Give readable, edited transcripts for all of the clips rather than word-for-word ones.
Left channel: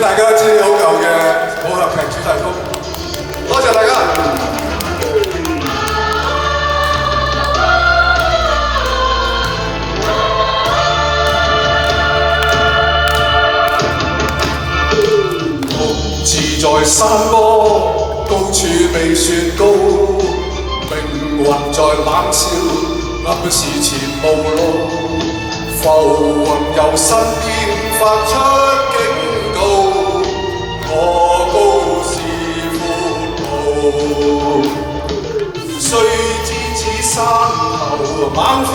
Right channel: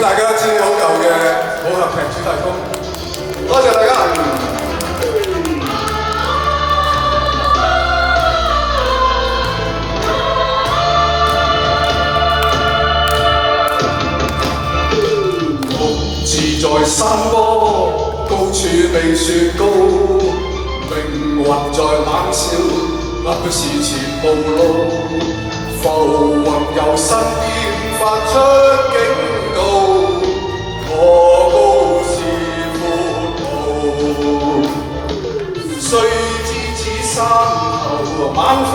俾大家一支好舊嘅武俠劇主題曲，多謝大家。獨自在山坡，高處避雪糕，命運在冷笑，暗示前無路。浮雲由身邊發出警告，我高是闊路。雖知此山頭猛虎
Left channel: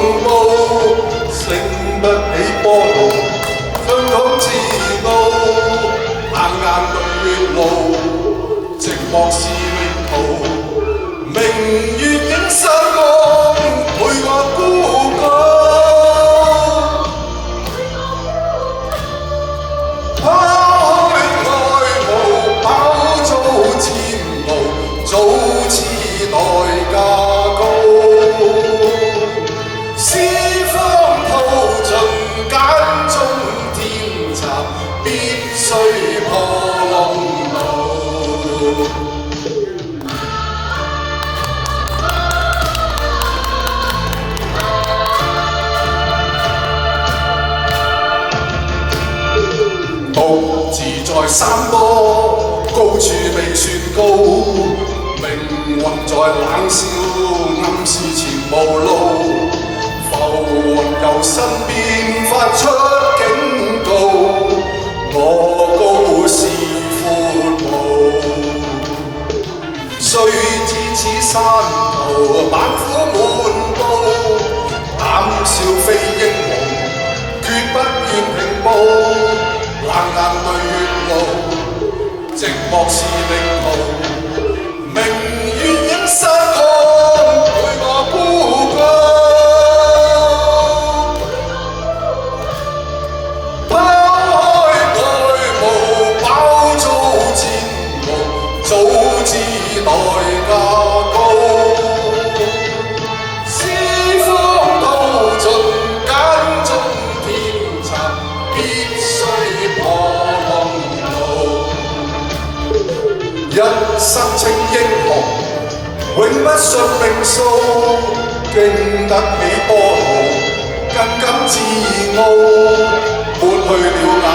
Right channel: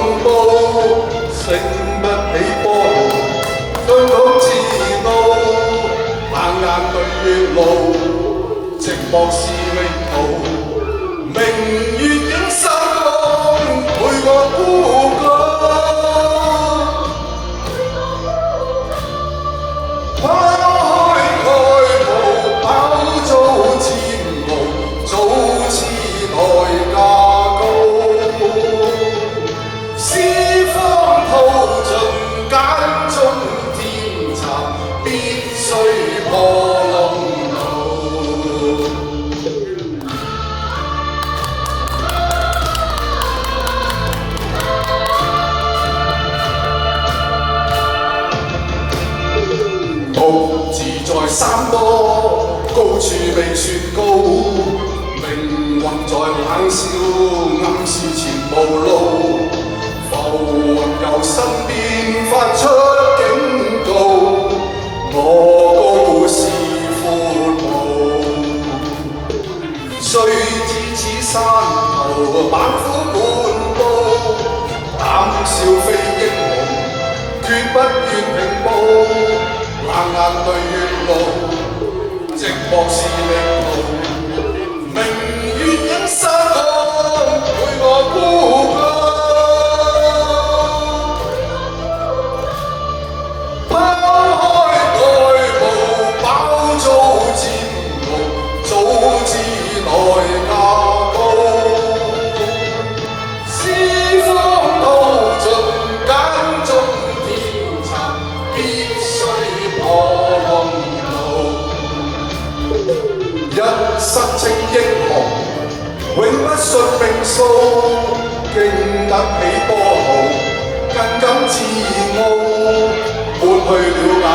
滿布，勝不起波濤，香港自傲。硬硬對月路，寂寞是命途。明月映山崗，陪我孤高。拋開愛慕，飽遭前路，早知代價高。四方途盡揀中天蠶，必須破浪路。獨自在山坡，高處避雪糕，命運在冷笑，暗示前無路。浮雲由身邊發出警告，我高是闊路。雖知此山頭猛虎滿布，膽笑非英雄，決不願平步。硬硬對月路，寂寞是命途。明月映山崗，陪我孤高。拋開愛慕，飽遭煎熬，早知代價高。四方途盡揀中天蠶，必須破浪路。一生稱英雄，永不信命數，經得起波濤，更感自傲，抹去了眼